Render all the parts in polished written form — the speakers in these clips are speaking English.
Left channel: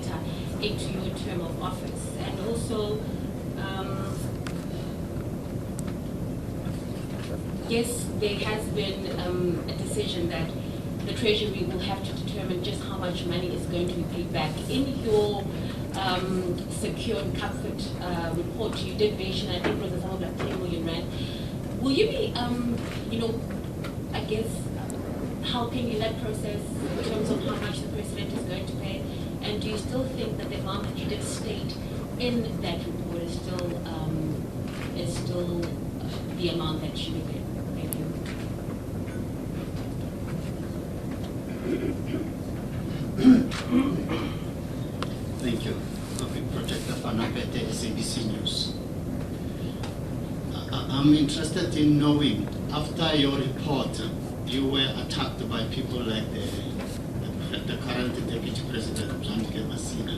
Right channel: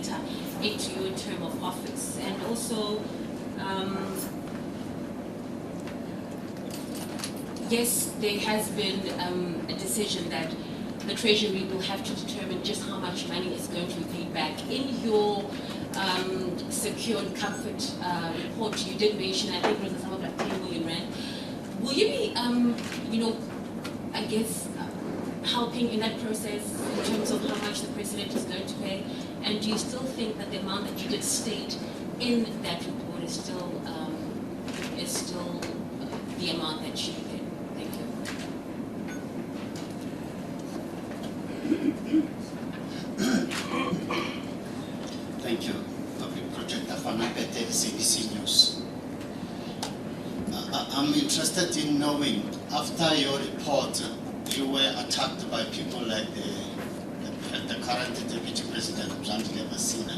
later into your term of office? And also, yes, there has been a decision that the Treasury will have to determine just how much money is going to be paid back. In your secure and comfort report, you did mention, I think it was something like 10 million rand. Will you be, I guess, helping in that process in terms of how much the President is going to pay? And do you still think that the amount that you did state in that report is still the amount that you did? Thank you. Thank you. Protector Thuli, CBC News. I'm interested in knowing, after your report, you were attacked by people like the current Deputy President, Nkandla Masina.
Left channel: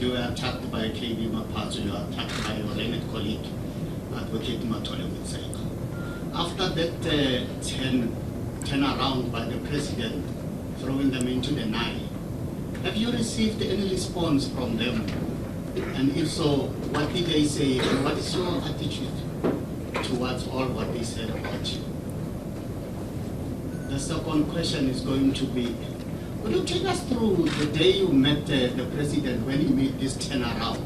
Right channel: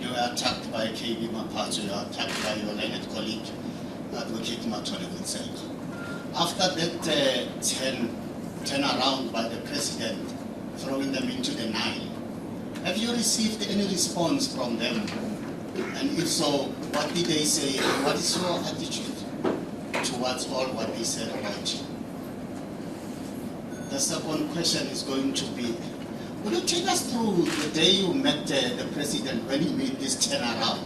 You were attacked by KB Mapacho. You were attacked by your learned colleague, Advocate Matole Wetsenga. After that turn around by the President, throwing them into the Nile, have you received any response from them? And if so, what did they say? What is your attitude towards all what they said about you? The second question is going to be, will you take us through the day you met the President when he made this turnaround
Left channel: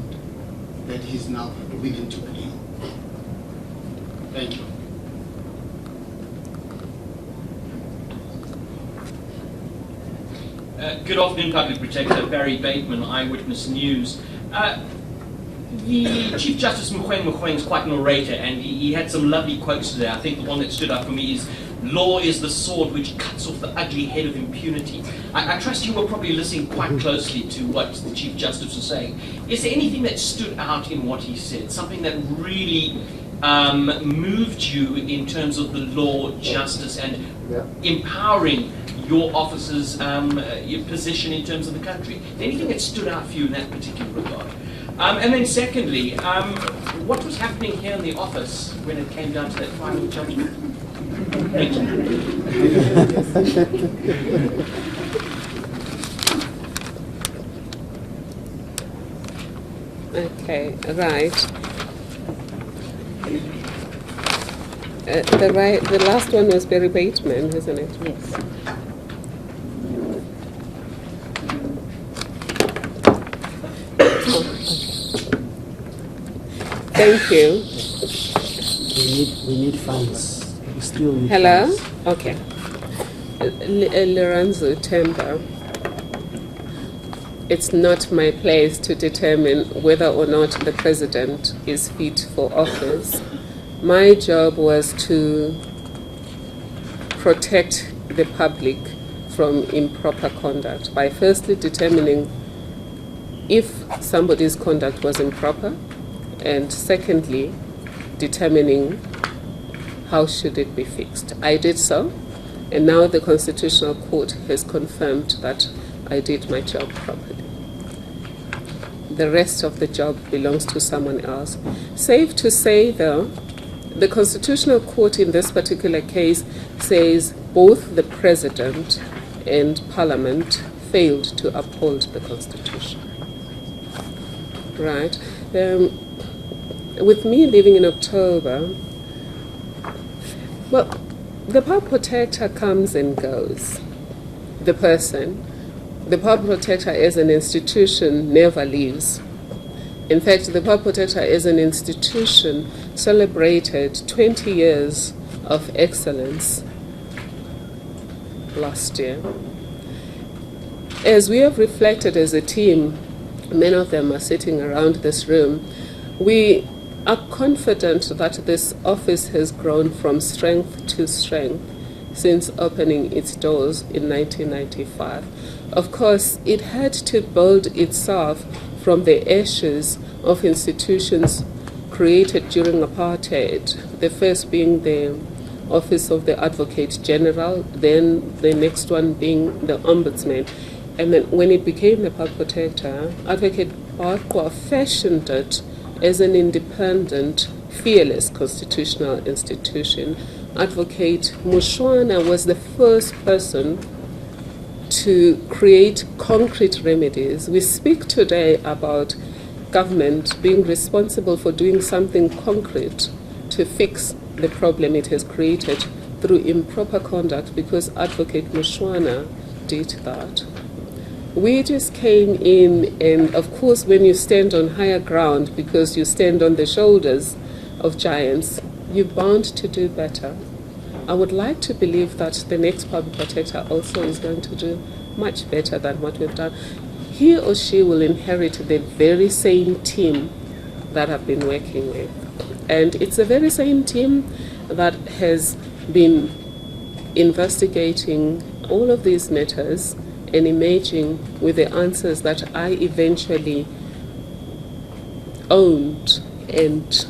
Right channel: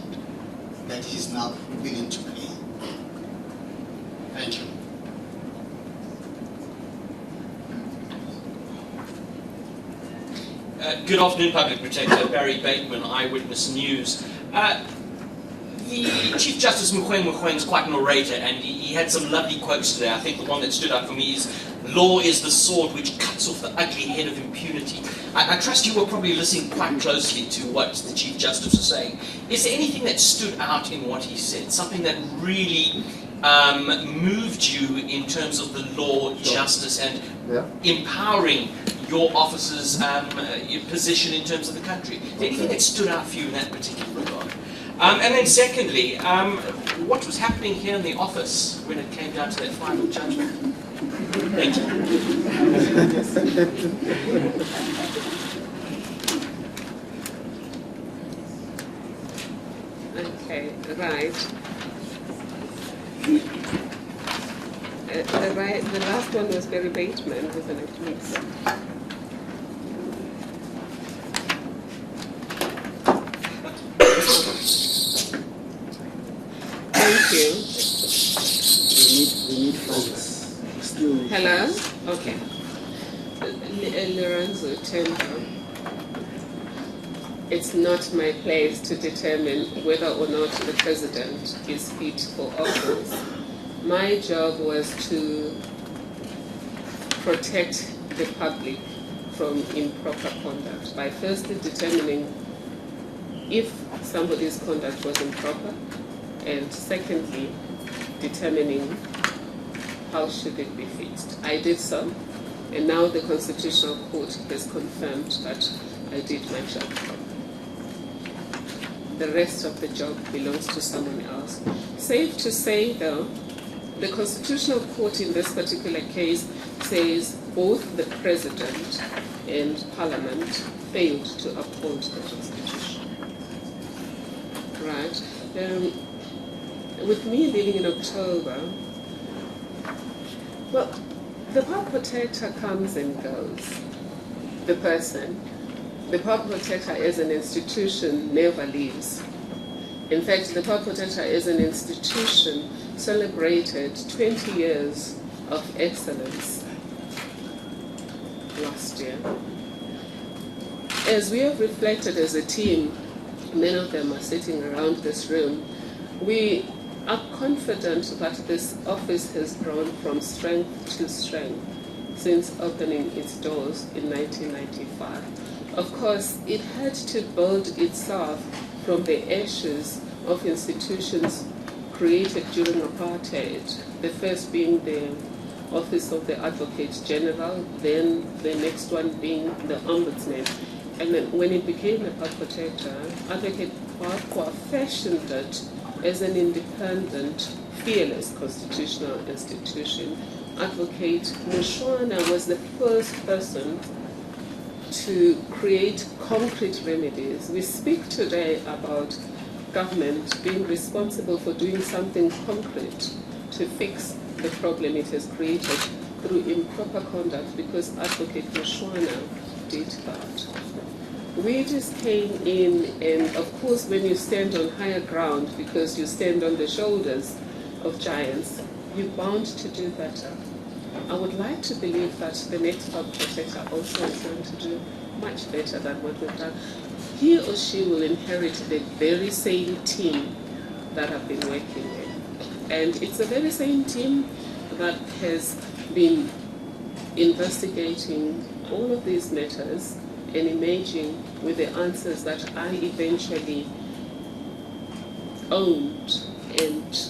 that he's now willing to play? Thank you. Good afternoon, Public Protector. Barry Bateman, Eyewitness News. The Chief Justice Mogoeng is quite an orator, and he had some lovely quotes today. I think the one that stood out for me is, "Law is the sword which cuts off the ugly head of impunity." I trust you were probably listening quite closely to what the Chief Justice was saying. Is there anything that stood out in what he said? Something that really moved you in terms of the law, justice, and empowering your officer's your position in terms of the country? Is there anything that stood out for you in that particular regard? And then secondly, what was happening here in the office when it came down to that final judgment? Thank you. Okay, right. The last one was Barry Bateman, isn't it? Yes. Thank you. We need funds. We still need Hello? funds. Okay. Lorenzo Temba. It's not my place to determine whether or not the President is fit for office. My job was to protect the public from improper conduct by firstly determining if somebody's conduct was improper, and secondly, determining how should it be fixed. I did so, and now the Constitutional Court has confirmed that I did my job properly. The rest of the job belongs to someone else. Safe to say, though, the Constitutional Court in this particular case says both the President and Parliament failed to uphold the Constitution. Right? With me leaving in October, well, the Power Protector comes and goes. The person, the Power Protector as an institution never leaves. In fact, the Power Protector as an institution celebrated 20 years of excellence last year. As we have reflected as a team, many of them are sitting around this room, we are confident that this office has grown from strength to strength since opening its doors in 1995. Of course, it had to build itself from the ashes of institutions created during apartheid, the first being the Office of the Advocate General, then the next one being the Ombudsman. And then when it became the Power Protector, Advocate Barkwa fashioned it as an independent, fearless constitutional institution. Advocate Mushwana was the first person to create concrete remedies. We speak today about government being responsible for doing something concrete to fix the problem it has created through improper conduct, because Advocate Mushwana did that. We just came in, and of course when you stand on higher ground because you stand on the shoulders of giants, you're bound to do better. I would like to believe that the next public protector also is going to do much better than what we've done. He or she will inherit the very same team that I've been working with. And it's the very same team that has been investigating all of these matters and emerging with the answers that I eventually owned and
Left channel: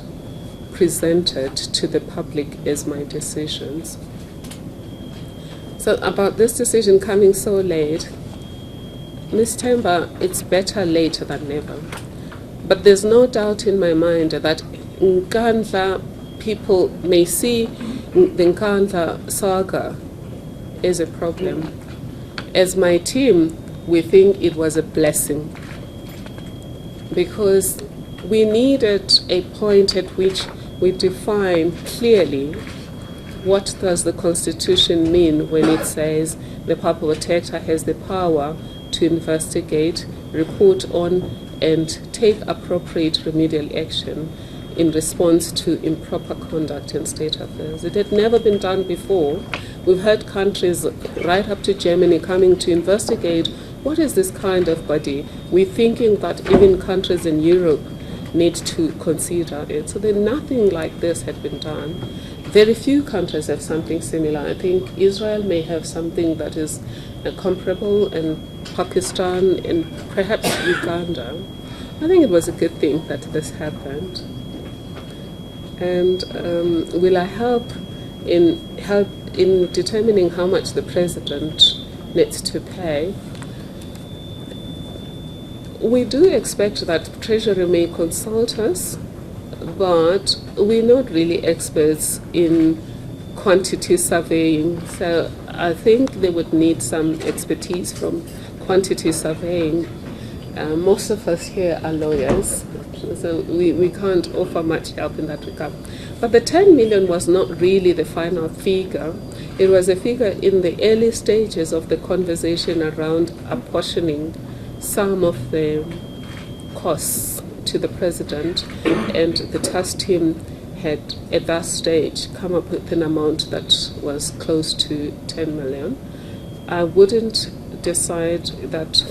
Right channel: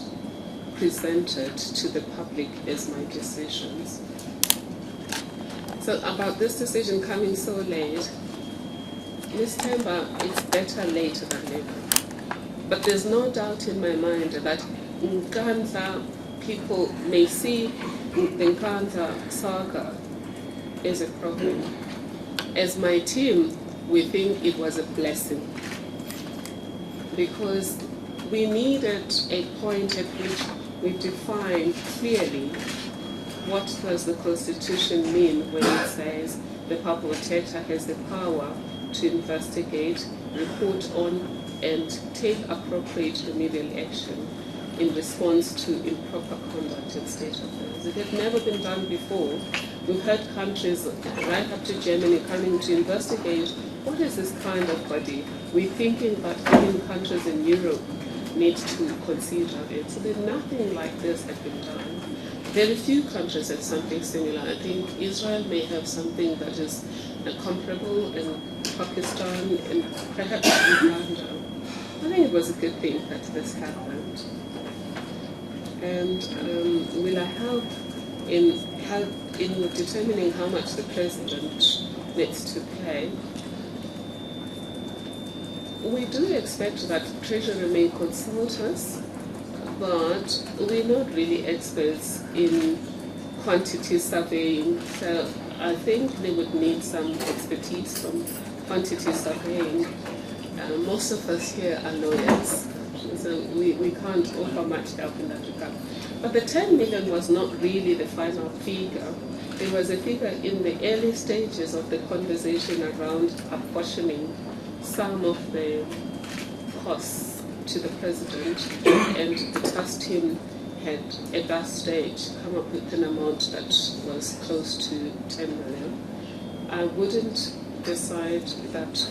presented to the public as my decisions. So about this decision coming so late, Ms. Temba, it's better late than never. But there's no doubt in my mind that Nkandla people may see the Nkandla saga as a problem. As my team, we think it was a blessing, because we needed a point at which we define clearly what does the Constitution mean when it says the public protector has the power to investigate, report on, and take appropriate remedial action in response to improper conduct in state affairs. It had never been done before. We've had countries right up to Germany coming to investigate what is this kind of body. We're thinking that even countries in Europe need to consider it. So then nothing like this had been done. Very few countries have something similar. I think Israel may have something that is comparable, and Pakistan, and perhaps Uganda. I think it was a good thing that this happened. And will I help in determining how much the president needs to pay? We do expect that Treasury may consult us, but we're not really experts in quantity surveying. So I think they would need some expertise from quantity surveying. Most of us here are lawyers, so we can't offer much help in that regard. But the 10 million was not really the final figure. It was a figure in the early stages of the conversation around apportioning some of the costs to the president, and the task team had at that stage come up with an amount that was close to 10 million. I wouldn't decide that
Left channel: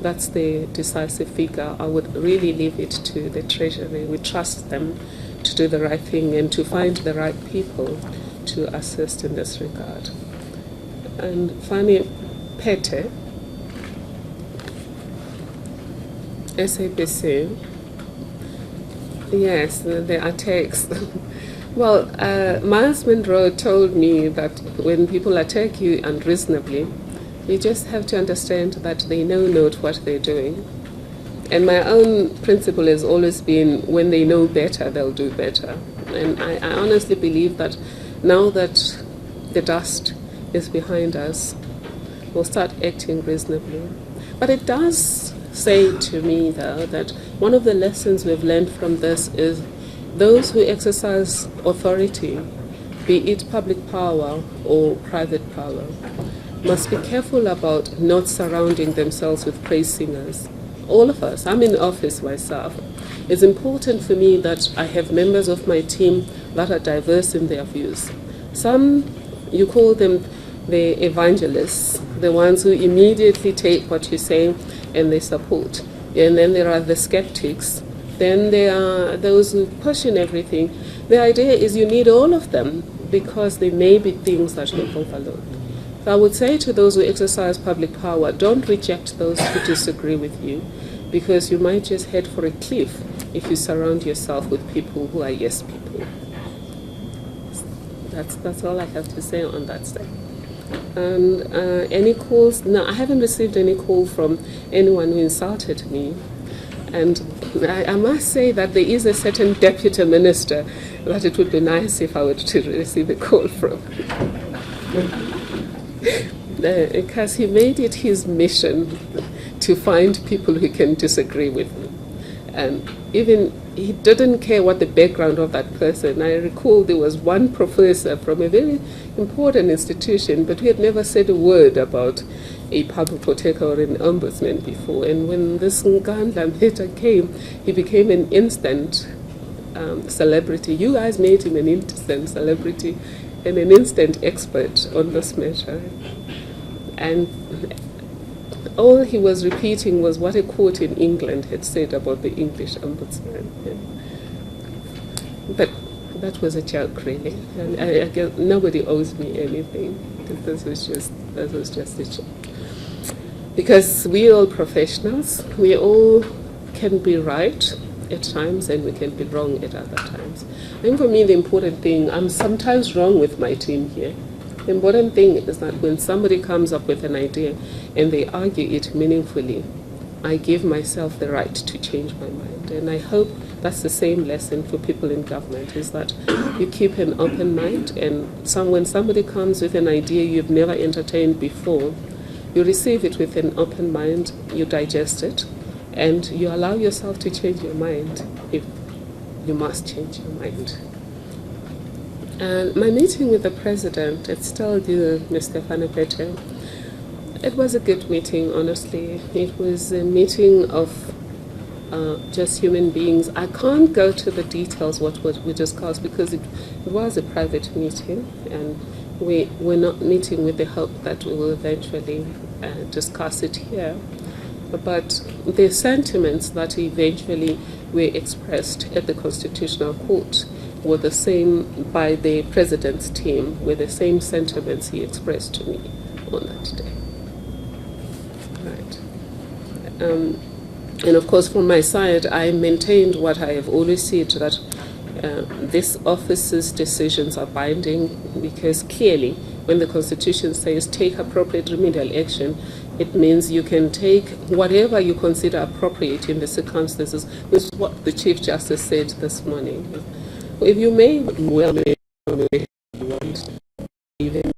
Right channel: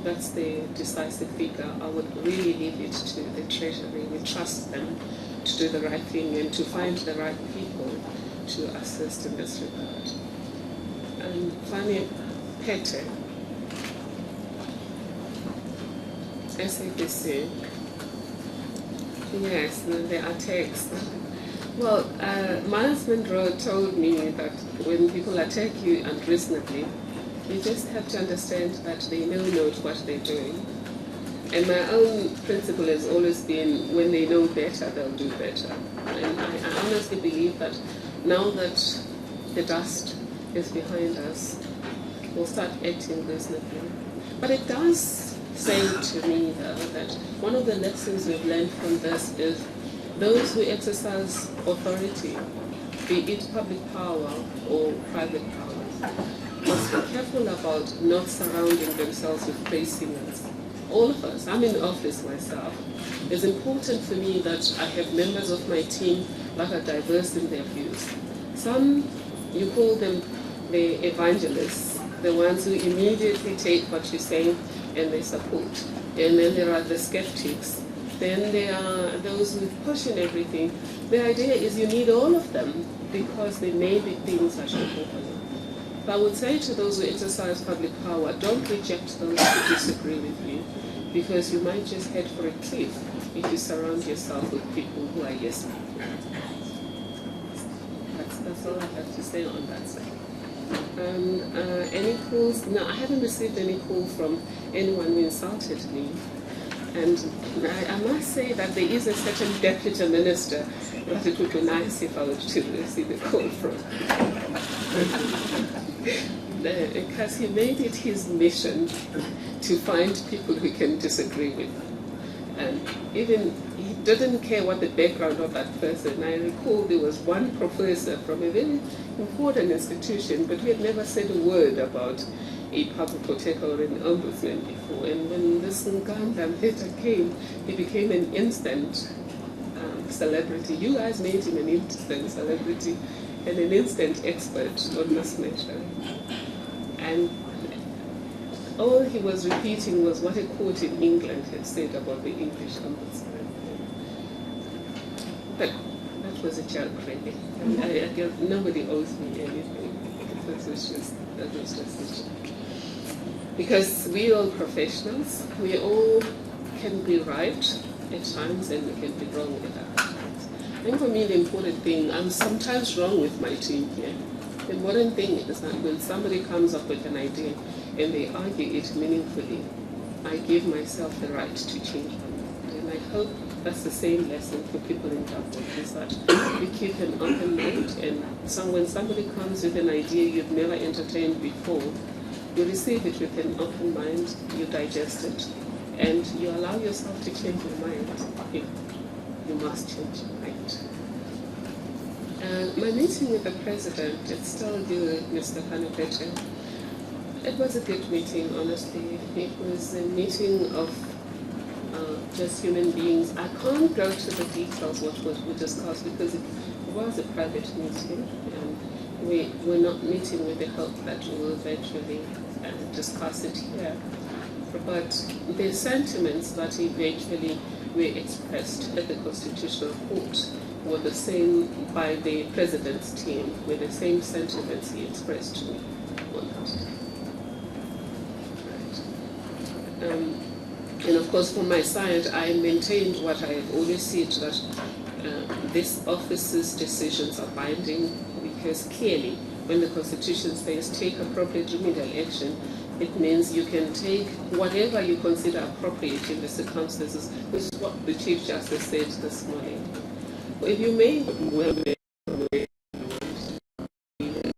that's the decisive figure. I would really leave it to the Treasury. We trust them to do the right thing and to find the right people to assist in this regard. And Fanny Pete, SABC. Yes, there are texts. Well, Miles Monroe told me that when people attack you unreasonably, you just have to understand that they know not what they're doing. And my own principle has always been, when they know better, they'll do better. And I honestly believe that now that the dust is behind us, we'll start acting reasonably. But it does say to me, though, that one of the lessons we've learned from this is those who exercise authority, be it public power or private power, must be careful about not surrounding themselves with praise singers. All of us, I'm in office myself. It's important for me that I have members of my team that are diverse in their views. Some, you call them the evangelists, the ones who immediately take what you say and they support. And then there are the skeptics. Then there are those who question everything. The idea is you need all of them, because there may be things that you overlook. So I would say to those who exercise public power, don't reject those who disagree with you, because you might just head for a cliff if you surround yourself with people who are yes people. That's all I have to say on that side. And any calls? No, I haven't received any call from anyone who insulted me. And I must say that there is a certain deputy minister that it would be nice if I were to receive a call from. because he made it his mission to find people who can disagree with him. And even he didn't care what the background of that person. I recall there was one professor from a very important institution, but he had never said a word about a public protector or an ombudsman before. And when this Nkandla later came, he became an instant celebrity. You guys made him an instant celebrity and an instant expert on this matter. And all he was repeating was what a court in England had said about the English ombudsman. But that was a joke, really. And nobody owes me anything. This was just a joke. Because we're all professionals. We all can be right at times and we can be wrong at other times. I think for me the important thing, I'm sometimes wrong with my team here. The important thing is that when somebody comes up with an idea and they argue it meaningfully, I give myself the right to change my mind. And I hope that's the same lesson for people in government, is that you keep an open mind, and when somebody comes with an idea you've never entertained before, you receive it with an open mind, you digest it, and you allow yourself to change your mind if you must change your mind. And my meeting with the president, it's still due, Mr. Nkandla. It was a good meeting, honestly. It was a meeting of just human beings. I can't go to the details what we discussed because it was a private meeting, and we're not meeting with the hope that we will eventually discuss it here. But the sentiments that eventually were expressed at the Constitutional Court were the same by the president's team, with the same sentiments he expressed to me on that day. Right. And of course, from my side, I maintained what I have always said, that this office's decisions are binding, because clearly, when the Constitution says take appropriate remedial action, it means you can take whatever you consider appropriate in the circumstances, which is what the Chief Justice said this morning. If you may well even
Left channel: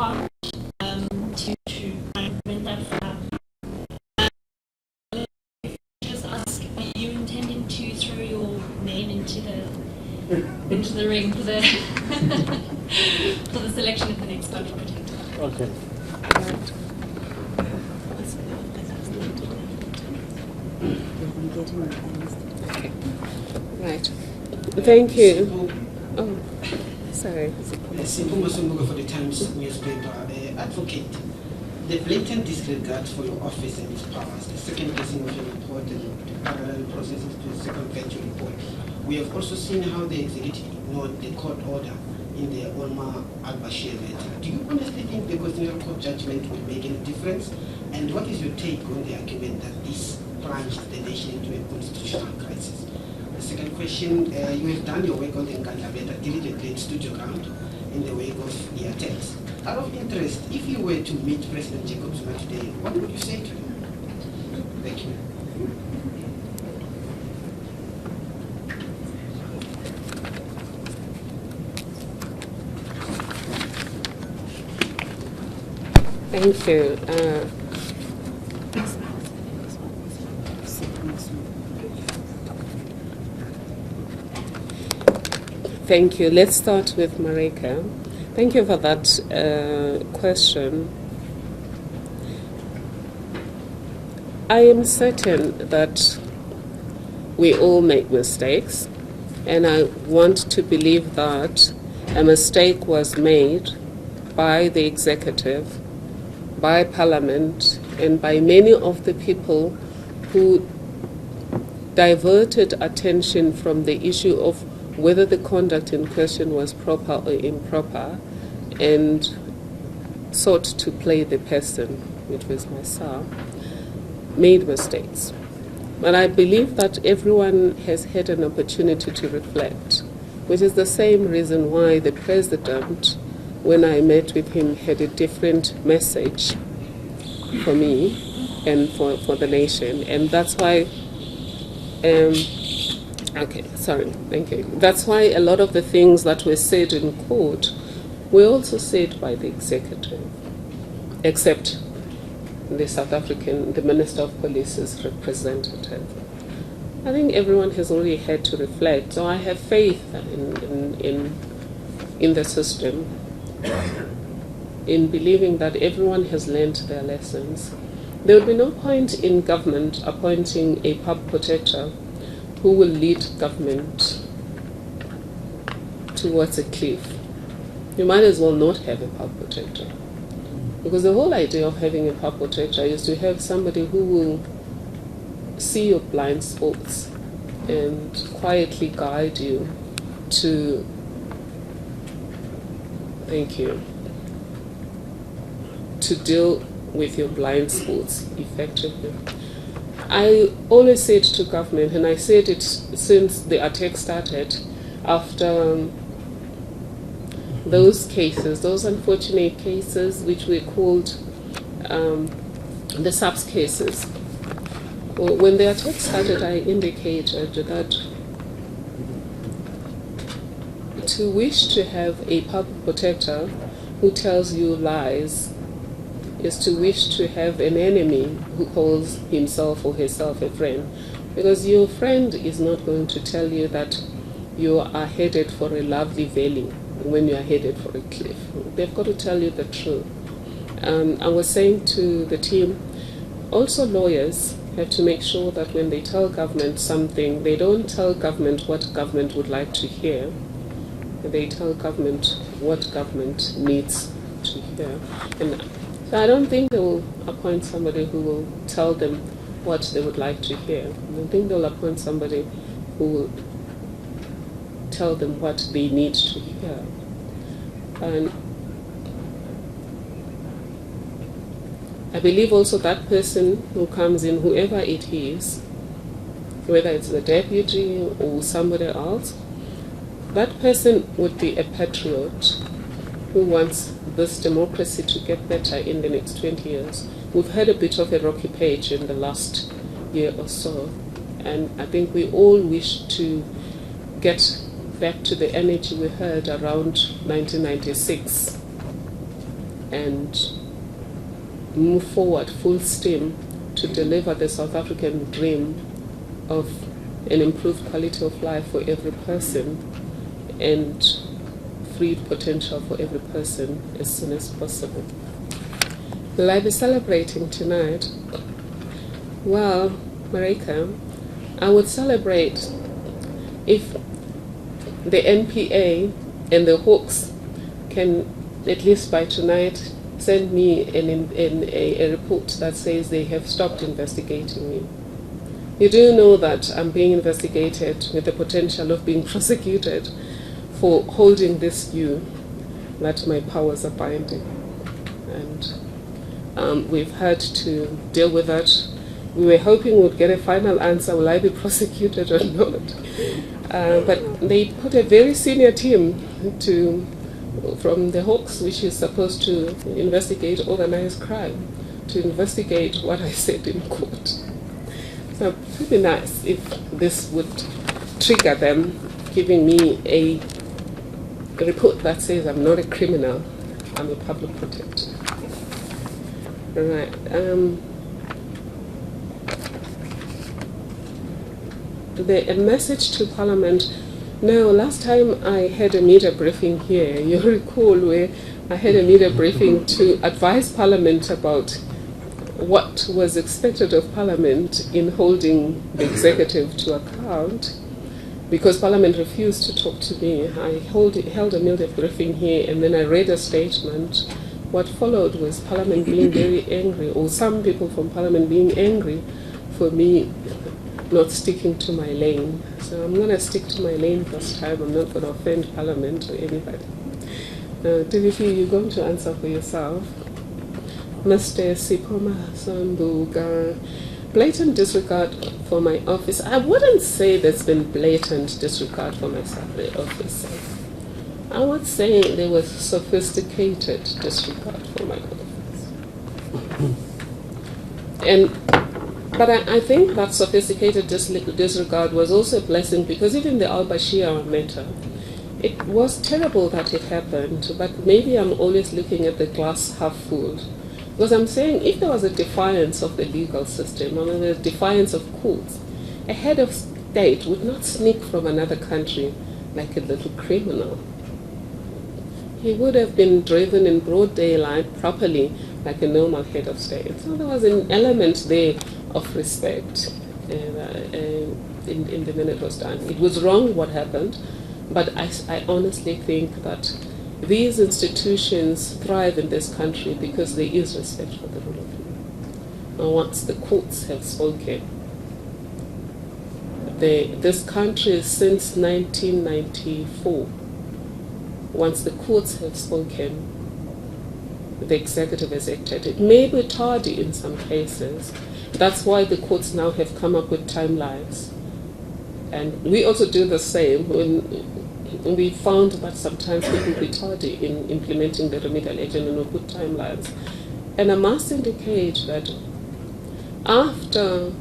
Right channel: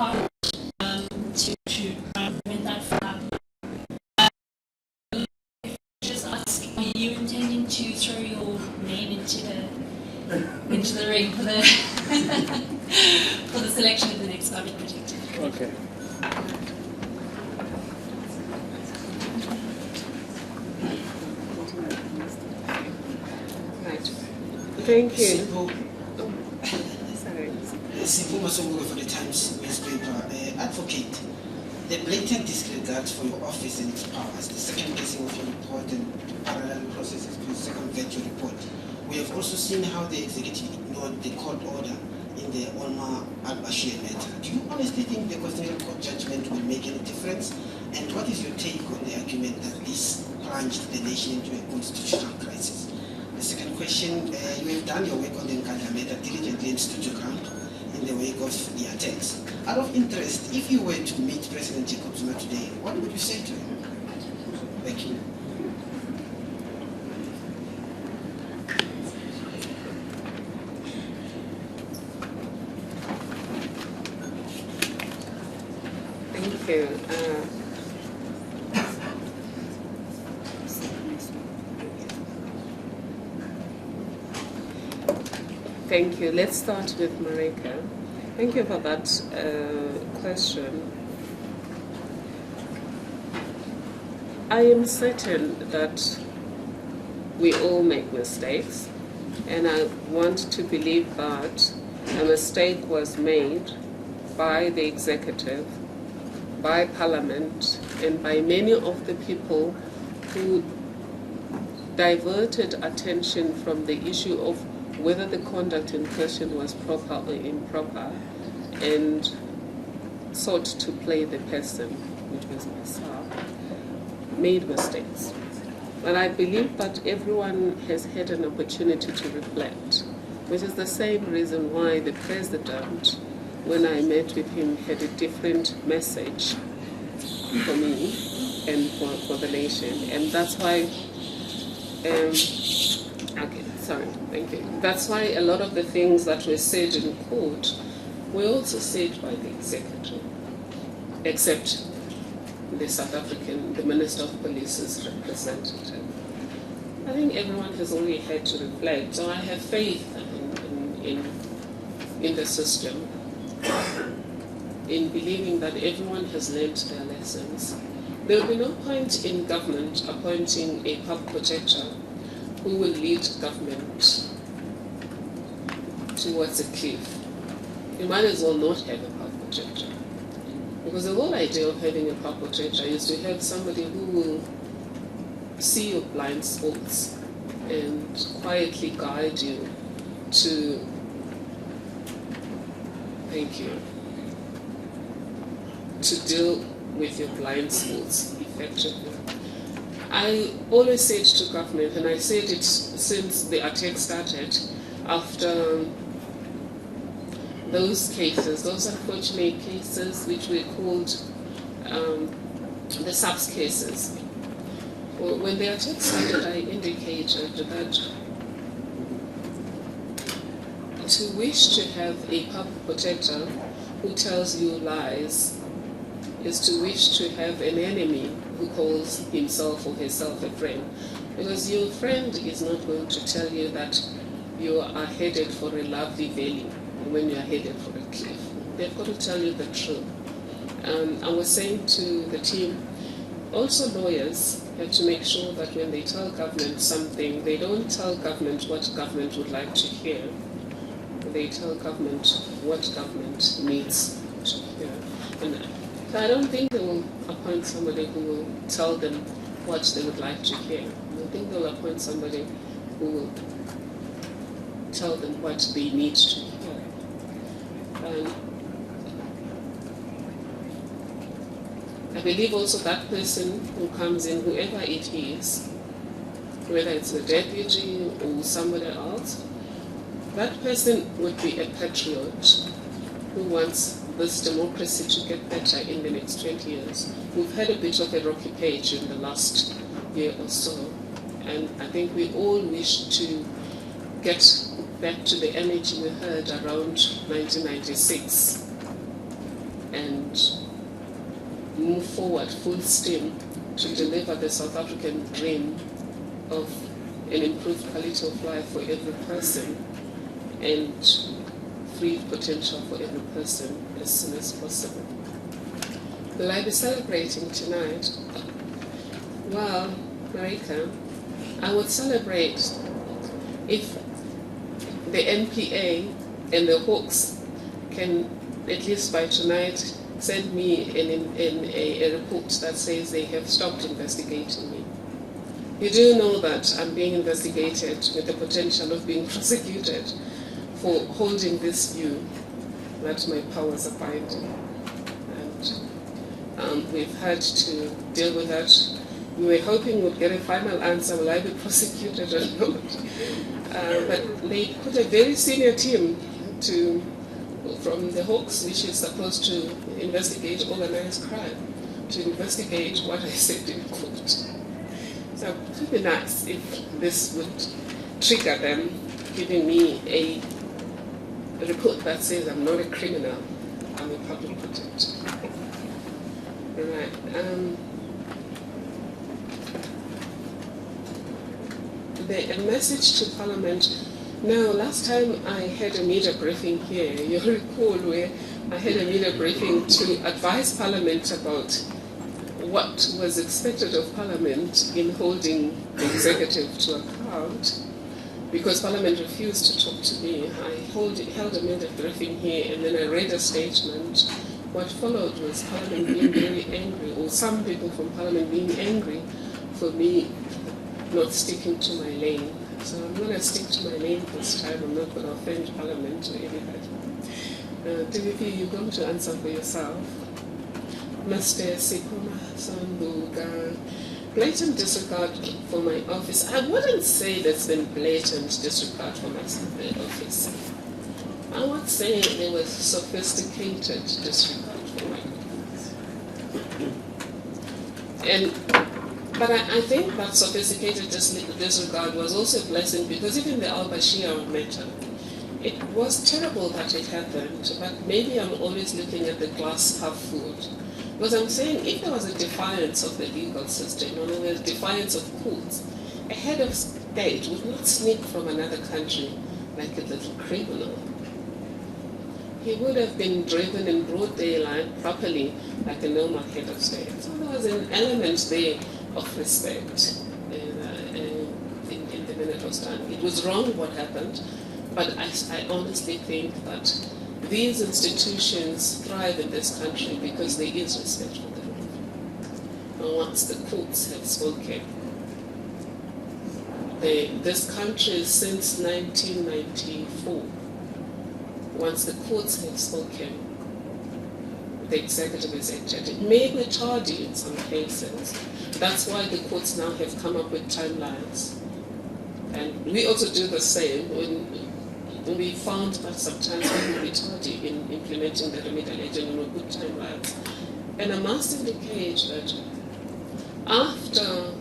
hard to prevent that from happening. Just ask, are you intending to throw your name into the ring for the for the selection of the next country protector? Okay. Right. Thank you. Oh, sorry. Simple Masongo for the Times newspaper. Advocate, the blatant disregard for your office and its powers, the second guessing of your report and parallel processes to circumvent your report. We have also seen how the executive ignored the court order in the Omar al-Bashir matter. Do you honestly think the Constitutional Court judgment will make any difference? And what is your take on the argument that this plunged the nation into a constitutional crisis? The second question, you have done your work on the Nkandla matter diligently and stood your ground in the wake of the attempts. Out of interest, if you were to meet President Jacob Zuma today, what would you say to him? Thank you. Thank you. Thank you. Let's start with Marika. Thank you for that question. I am certain that we all make mistakes, and I want to believe that a mistake was made by the executive, by Parliament, and by many of the people who diverted attention from the issue of whether the conduct in question was proper or improper, and sought to play the person, which was myself, made mistakes. But I believe that everyone has had an opportunity to reflect, which is the same reason why the President, when I met with him, had a different message for me and for the nation. And that's why, thank you. That's why a lot of the things that were said in court were also said by the executive, except the South African, the Minister of Police's representative. I think everyone has already had to reflect, so I have faith in the system, in believing that everyone has learned their lessons. There will be no point in government appointing a public protector who will lead government towards a cliff. You might as well not have a public protector. Because the whole idea of having a public protector is to have somebody who will see your blind spots and quietly guide you to, to deal with your blind spots effectively. I always said to government, and I said it since the attack started, after those cases, those unfortunate cases which were called the SAPS cases. When the attack started, I indicated that to wish to have a public protector who tells you lies is to wish to have an enemy who calls himself or herself a friend. Because your friend is not going to tell you that you are headed for a lovely valley when you are headed for a cliff. They've got to tell you the truth. I was saying to the team, also lawyers have to make sure that when they tell government something, they don't tell government what government would like to hear, but they tell government what government needs to hear. And I don't think they will appoint somebody who will tell them what they would like to hear. I think they'll appoint somebody who will tell them what they need to hear. And I believe also that person who comes in, whoever it is, whether it's a deputy or somebody else, that person would be a patriot who wants this democracy to get better in the next 20 years. We've had a bit of a rocky page in the last year or so, and I think we all wish to get back to the energy we had around 1996. and move forward full steam to deliver the South African dream of an improved quality of life for every person and free potential for every person as soon as possible. Will I be celebrating tonight? Well, Marika, I would celebrate if the NPA and the Hawks can, at least by tonight, send me a report that says they have stopped investigating me. You do know that I'm being investigated with the potential of being prosecuted for holding this view that my powers are binding. And we've had to deal with that. We were hoping we'd get a final answer, will I be prosecuted or not? But they put a very senior team from the Hawks, which is supposed to investigate organized crime, to investigate what I said in court. So it would be nice if this would trigger them, giving me a report that says I'm not a criminal, I'm a public protector. Right. A message to Parliament. Now, last time I had a media briefing here, you recall where I had a media briefing to advise Parliament about what was expected of Parliament in holding the executive to account, because Parliament refused to talk to me. I held a media briefing here, and then I read a statement. What followed was Parliament being very angry, or some people from Parliament being angry for me not sticking to my lane. So I'm going to stick to my lane this time. I'm not going to offend Parliament or anybody. Timothy, you're going to answer for yourself. Mr. Sikoma Sambuga, blatant disregard for my office. I wouldn't say there's been blatant disregard for my office. I would say there was sophisticated disregard for my office. But I think that sophisticated disregard was also a blessing, because even the al-Bashir matter, it was terrible that it happened, but maybe I'm always looking at the glass half full. Because I'm saying if there was a defiance of the legal system, or a defiance of courts, a head of state would not sneak from another country like a little criminal. He would have been driven in broad daylight properly like a normal head of state. So there was an element there of respect in the minute it was done. It was wrong what happened, but I honestly think that these institutions thrive in this country because there is respect for the rule of law. And once the courts have spoken, this country since 1994, once the courts have spoken, the executive has acted. It may be tardy in some cases. That's why the courts now have come up with timelines. And we also do the same when we found that sometimes people be tardy in implementing the remedial action and we put timelines. And I must indicate that after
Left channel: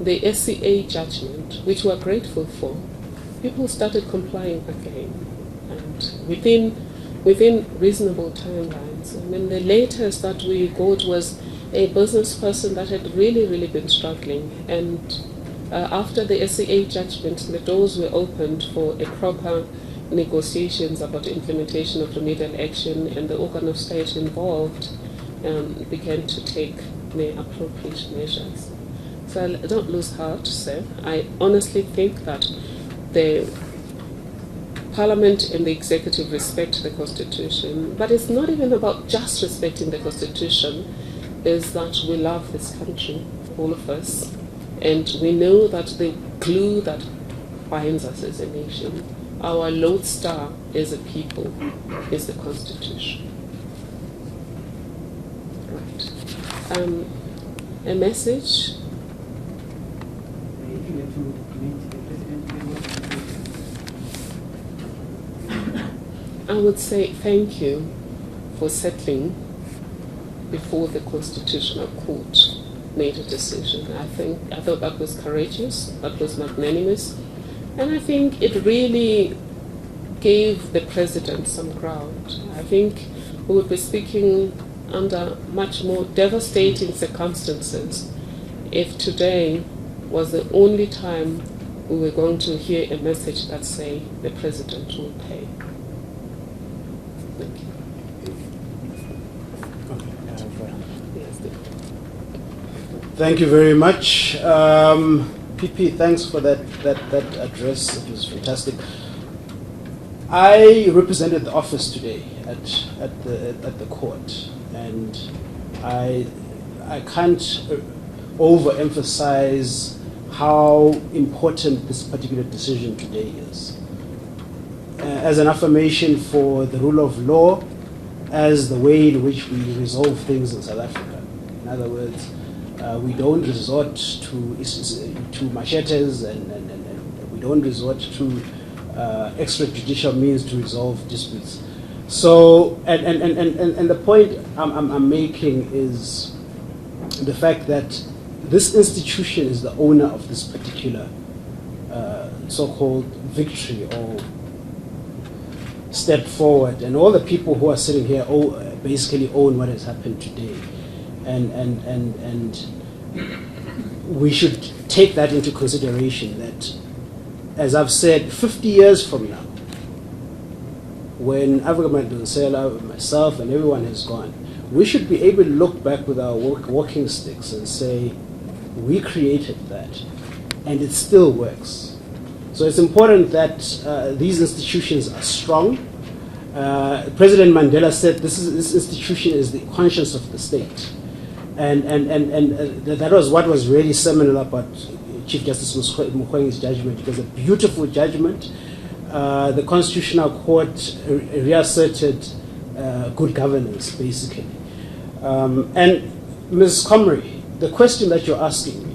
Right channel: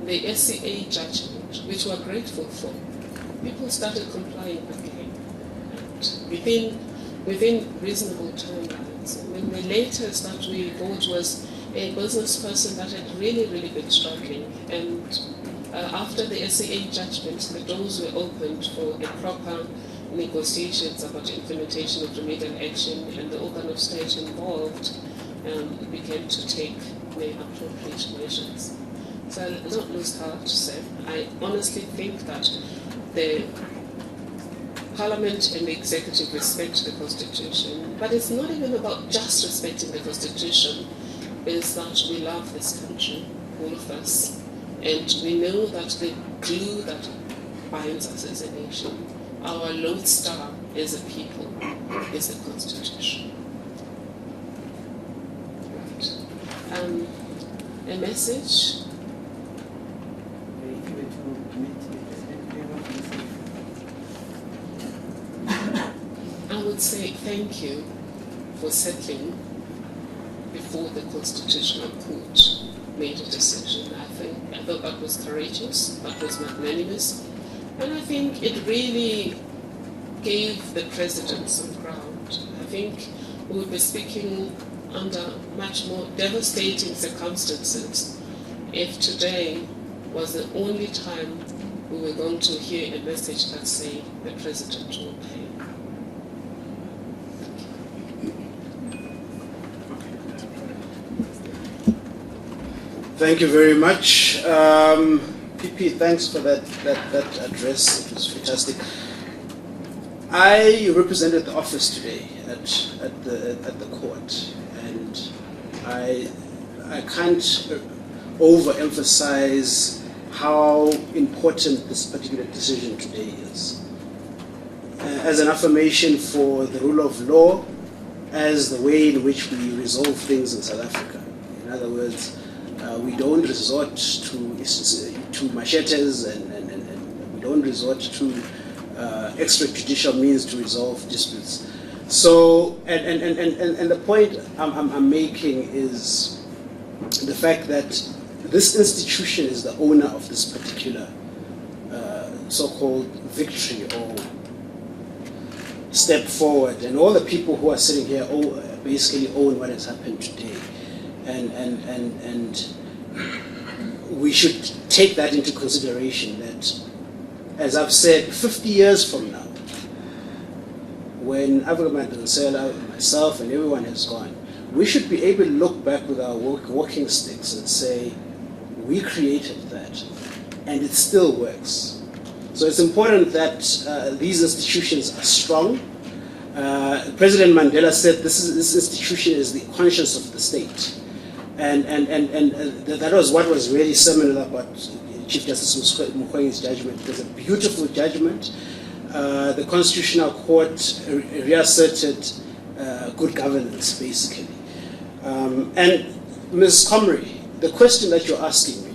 the SCA judgment, which we're grateful for, people started complying again, and within reasonable timelines. And then the latest that we got was a business person that had really been struggling, and after the SCA judgment, the doors were opened for a proper negotiations about implementation of remedial action, and the organ of state involved began to take the appropriate measures. So don't lose heart, sir. I honestly think that the Parliament and the executive respect the Constitution, but it's not even about just respecting the Constitution. Is that we love this country, all of us, and we know that the glue that binds us as a nation, our lodestar as a people, is the Constitution. Right. A message. I would say thank you for settling before the Constitutional Court made a decision. I thought that was courageous, that was magnanimous, and I think it really gave the President some ground. I think we would be speaking under much more devastating circumstances if today was the only time we were going to hear a message that say the president will pay. Thank you. Thank you very much. PP, thanks for that address. It was fantastic. I represented the office today at the court, and I can't overemphasize how important this particular decision today is. As an affirmation for the rule of law, as the way in which we resolve things in South Africa. In other words, we don't resort to machetes and we don't resort to extrajudicial means to resolve disputes. So, and the point I'm making is the fact that this institution is the owner of this particular so-called victory or step forward, and all the people who are sitting here basically own what has happened today, and we should take that into consideration. That, as I've said, 50 years from now, when Nkandla Madonsela, myself, and everyone has gone, we should be able to look back with our walking sticks and say, we created that, and it still works. So it's important that these institutions are strong. President Mandela said this institution is the conscience of the state. And that was what was really seminal about Chief Justice Mukwenge's judgment. It was a beautiful judgment. The Constitutional Court reasserted good governance, basically. And Ms. Comrie, the question that you're asking me,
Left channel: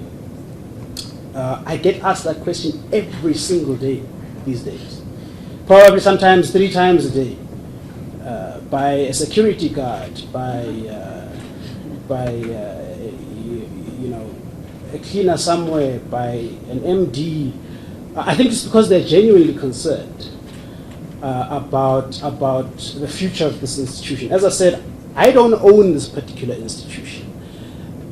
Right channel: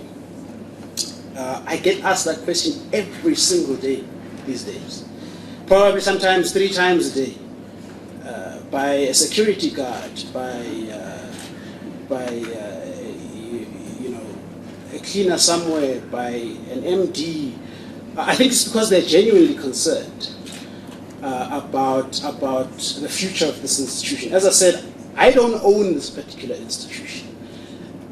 I get asked that question every single day these days. Probably sometimes 3 times a day, by a security guard, by a cleaner somewhere, by an MD. I think it's because they're genuinely concerned about the future of this institution. As I said, I don't own this particular institution.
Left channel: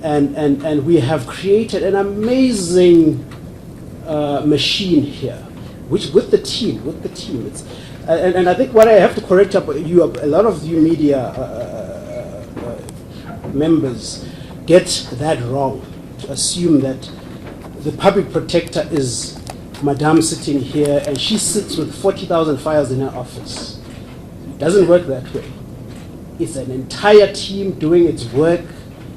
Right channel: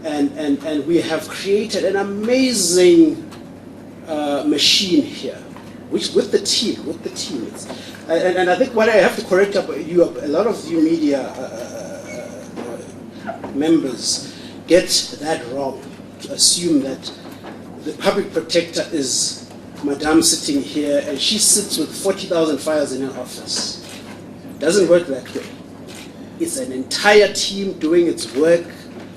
And we have created an amazing machine here, which with the team, and I think what I have to correct you, a lot of you media members get that wrong, to assume that the public protector is Madame sitting here and she sits with 40,000 files in her office. It doesn't work that way. It's an entire team doing its work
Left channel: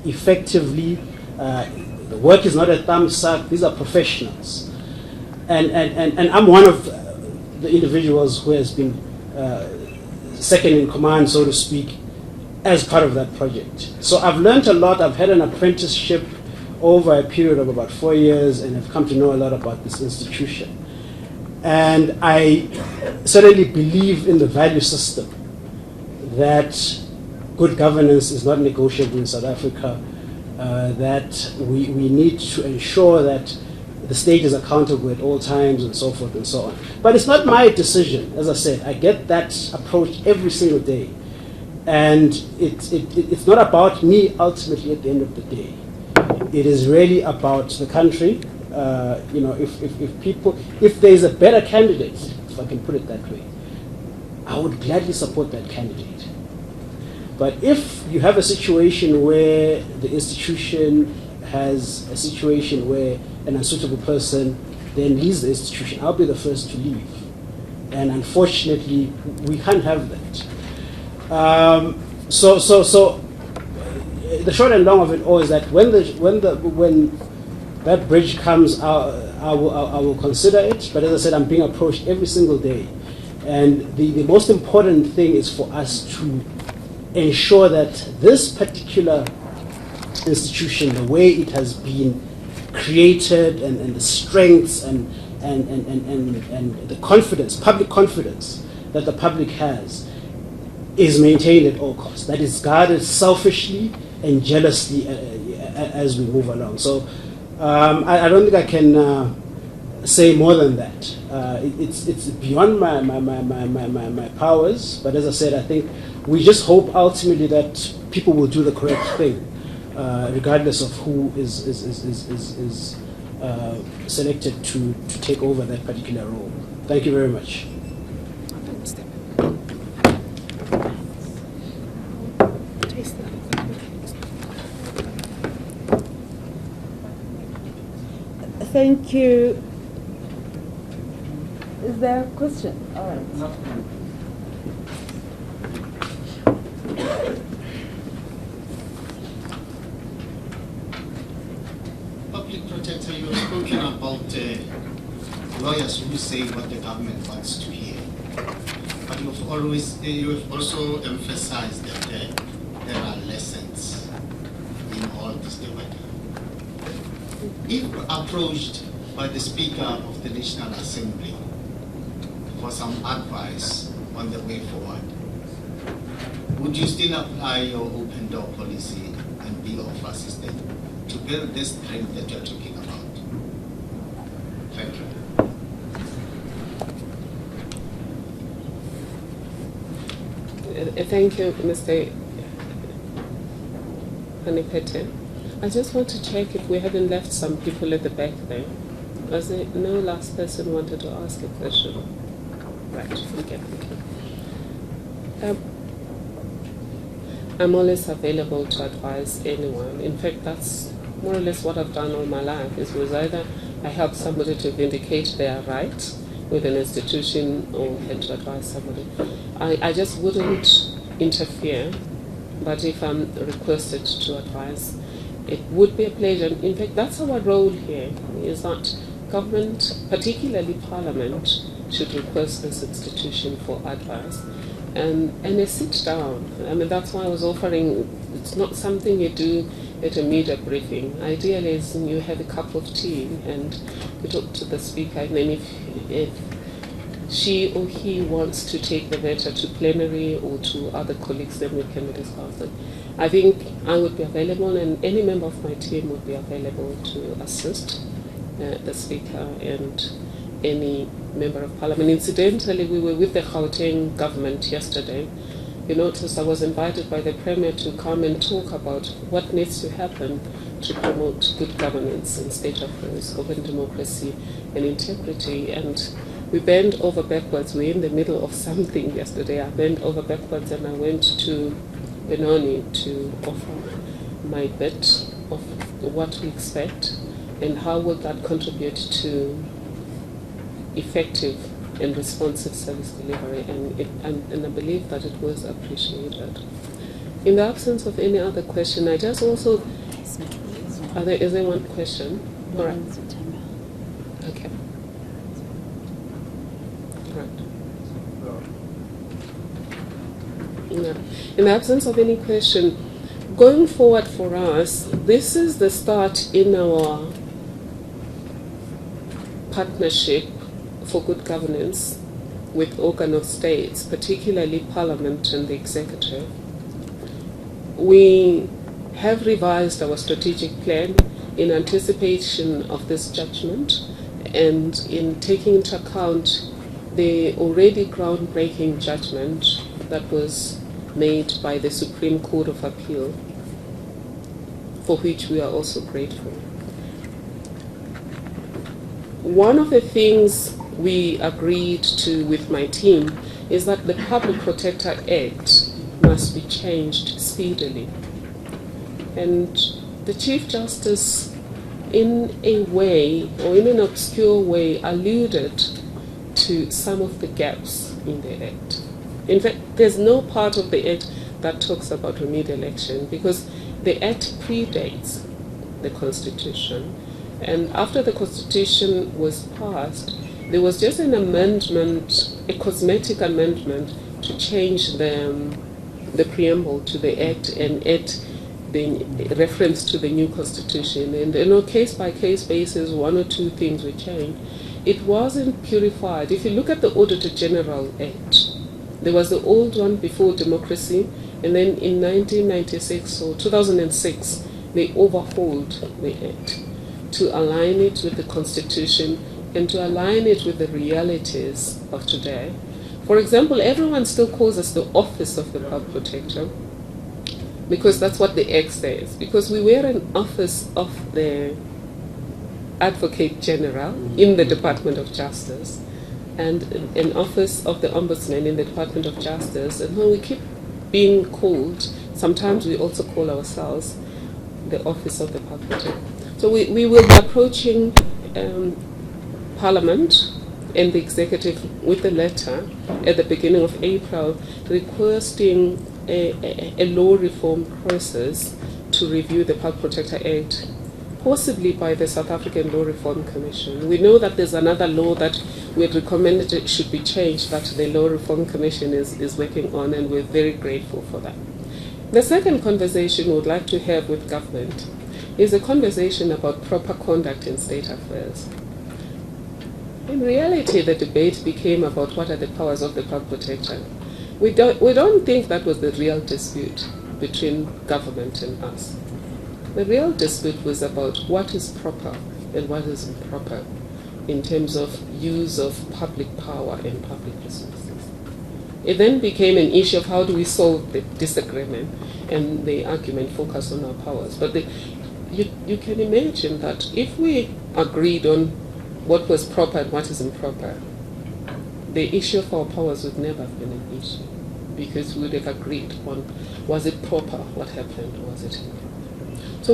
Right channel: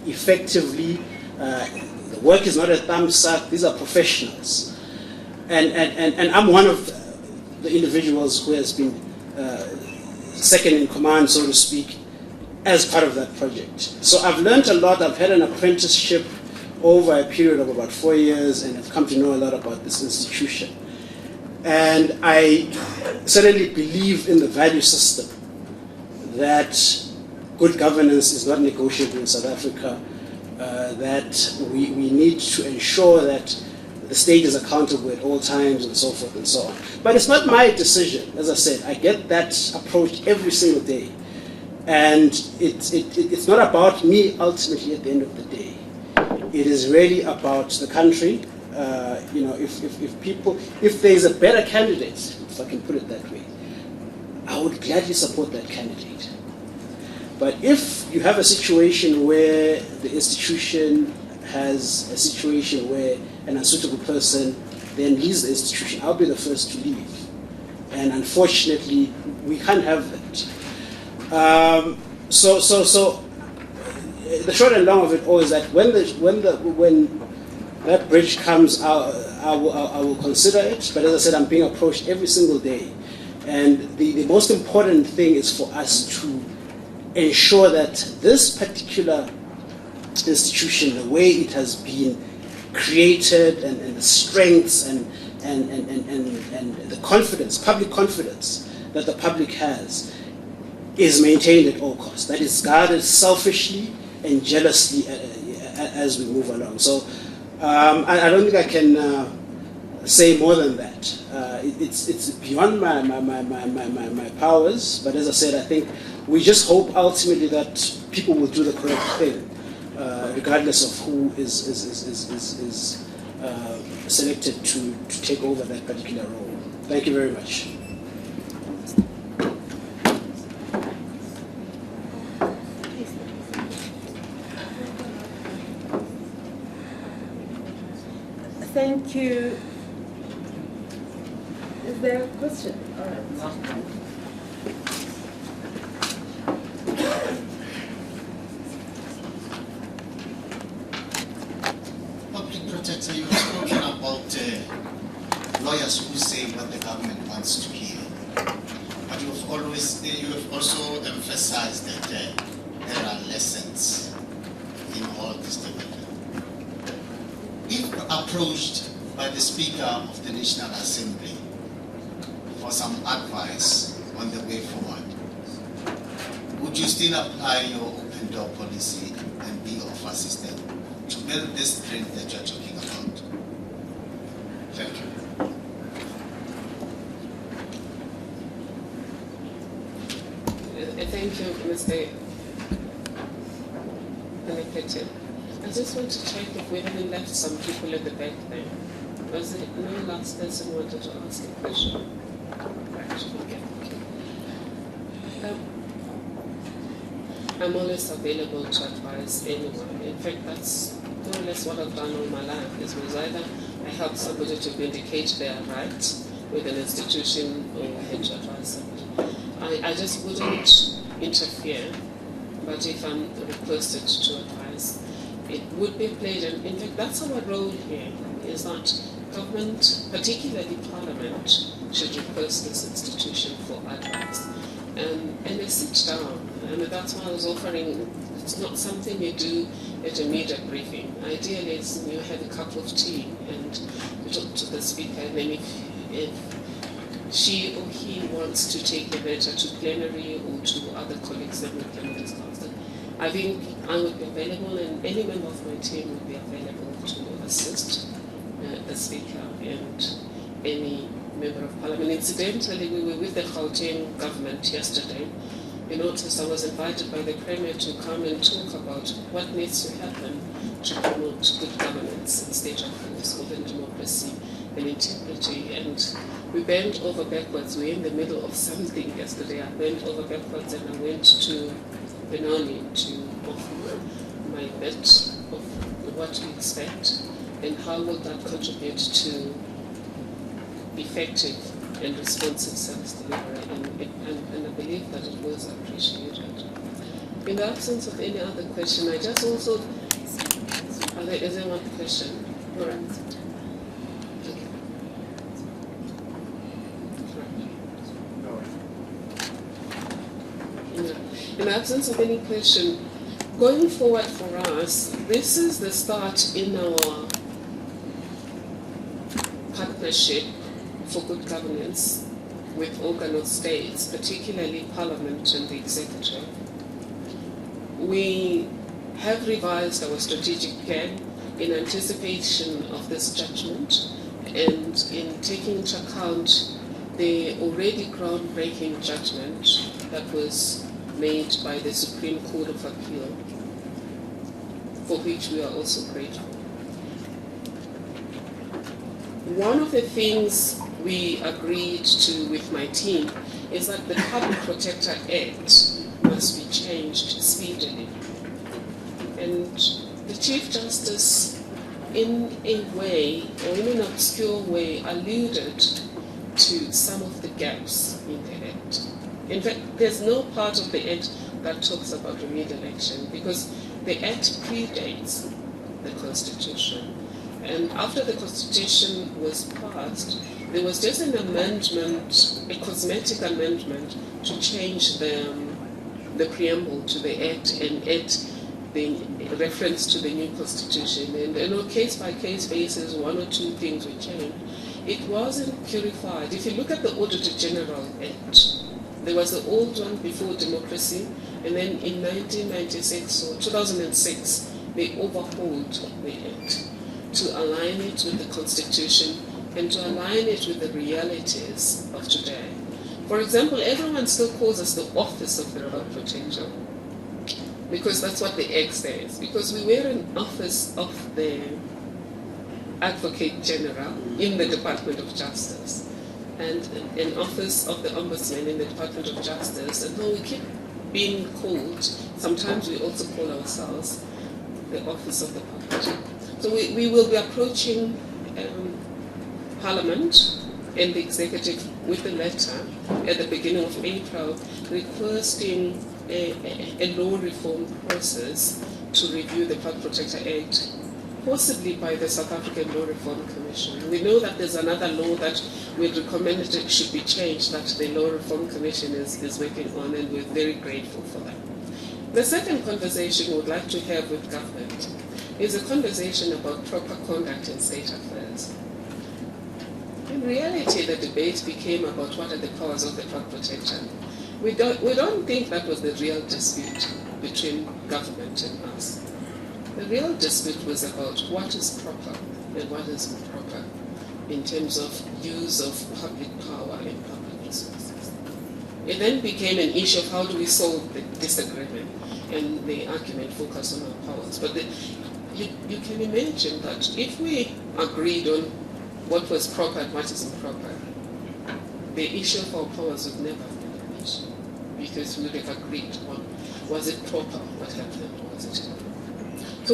effectively. The work is not a thumbs up. These are professionals. And I'm one of the individuals who has been second in command, so to speak, as part of that project. So I've learned a lot. I've had an apprenticeship over a period of about 4 years, and have come to know a lot about this institution. And I certainly believe in the value system that good governance is not negotiable in South Africa, that we need to ensure that the state is accountable at all times, and so forth and so on. But it's not my decision. As I said, I get that approach every single day. And it's not about me ultimately at the end of the day. It is really about the country. If there is a better candidate, if I can put it that way, I would gladly support that candidate. But if you have a situation where the institution has a situation where an unsuitable person then leaves the institution, I'll be the first to leave. And unfortunately, we can't have that. So the short and long of it all is that when that bridge comes, I will consider it. But as I said, I'm being approached every single day, and the most important thing is for us to ensure that this particular institution, the way it has been created, and the strengths and the confidence, public confidence that the public has, is maintained at all costs. That is guarded selfishly and jealously as we move along. So I don't think I can say more than that. It's beyond my powers, but as I said, I think we just hope ultimately that people will do the correct thing, regardless of who is selected to take over that particular role. Thank you very much. Thank you. Is there a question? All right. Public Protector, you have spoken about lawyers who say what the government wants to hear. But you have also emphasized that there are lessons in all this development. If approached by the Speaker of the National Assembly for some advice on the way forward, would you still apply your open door policy and be of assistance to build this strength that you're talking about? Thank you. Thank you, Mr. Panipete. I just want to check if we hadn't left some people at the back there. Was there no last person wanted to ask a question? Right, okay. I'm always available to advise anyone. In fact, that's more or less what I've done all my life, is either I help somebody to vindicate their rights with an institution or had to advise somebody. I just wouldn't interfere, but if I'm requested to advise, it would be a pleasure. In fact, that's our role here, is that government, particularly Parliament, should request this institution for advice. And they sit down. I mean, that's why I was offering, it's not something you do at a media briefing. Ideally, is you have a cup of tea and you talk to the Speaker, and then if she or he wants to take the matter to plenary or to other colleagues, then we can discuss it. I think I would be available, and any member of my team would be available to assist the Speaker and any member of Parliament. Incidentally, we were with the Gauteng government yesterday. You notice I was invited by the Premier to come and talk about what needs to happen to promote good governance and state affairs, open democracy and integrity. And we bent over backwards. We're in the middle of something yesterday. I bent over backwards and I went to Benoni to offer my bit of what we expect and how will that contribute to effective and responsive service delivery, and I believe that it was appreciated. In the absence of any other question, I just also, is there one question? All right. Okay. Right. In the absence of any question, going forward for us, this is the start in our partnership for good governance with organ of states, particularly Parliament and the Executive. We have revised our strategic plan in anticipation of this judgment and in taking into account the already groundbreaking judgment that was made by the Supreme Court of Appeal, for which we are also grateful. One of the things we agreed to with my team is that the Public Protector Act must be changed speedily. And the Chief Justice, in a way, or in an obscure way, alluded to some of the gaps in the Act. In fact, there's no part of the Act that talks about remedial action, because the Act predates the Constitution. And after the Constitution was passed, there was just an amendment, a cosmetic amendment, to change the preamble to the Act and add the reference to the new Constitution. And on a case-by-case basis, one or two things were changed. It wasn't purified. If you look at the Auditor General Act, there was the old one before democracy, and then in 1996 or 2006, they overhauled the Act to align it with the Constitution and to align it with the realities of today. For example, everyone still calls us the Office of the Public Protector, because that's what the X says. Because we were an office of the Advocate General in the Department of Justice, and an office of the Ombudsman in the Department of Justice, and when we keep being called, sometimes we also call ourselves the Office of the Public. So we will be approaching Parliament and the Executive with a letter at the beginning of April requesting a law reform process to review the Public Protector Act, possibly by the South African Law Reform Commission. We know that there's another law that we had recommended it should be changed, that the Law Reform Commission is working on, and we're very grateful for that. The second conversation we would like to have with government is a conversation about proper conduct in state affairs. In reality, the debate became about what are the powers of the Public Protector. We don't think that was the real dispute between government and us. The real dispute was about what is proper and what is improper in terms of use of public power and public resources. It then became an issue of how do we solve the disagreement, and the argument focused on our powers. But you can imagine that if we agreed on what was proper and what is improper, the issue of our powers would never have been an issue, because we would have agreed on was it proper, what happened, was it improper. So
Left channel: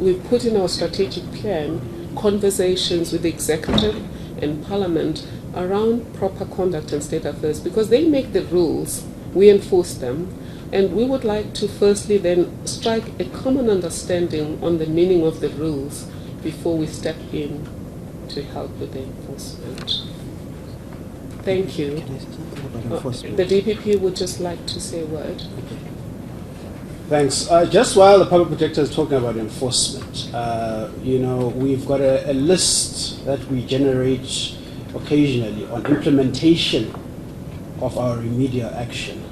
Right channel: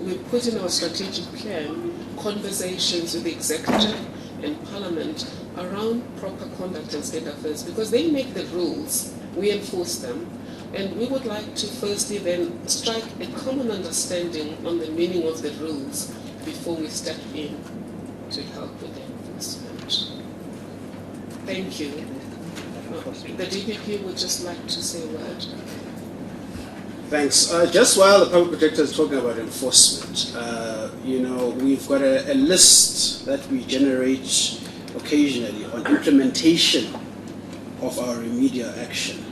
we put in our strategic plan conversations with the executive and parliament around proper conduct in state affairs, because they make the rules, we enforce them, and we would like to firstly then strike a common understanding on the meaning of the rules before we step in to help with the enforcement. Thank you. The DPP would just like to say a word. Thanks. Just while the Public Protector is talking about enforcement, we've got a list that we generate occasionally on implementation of our remedial action.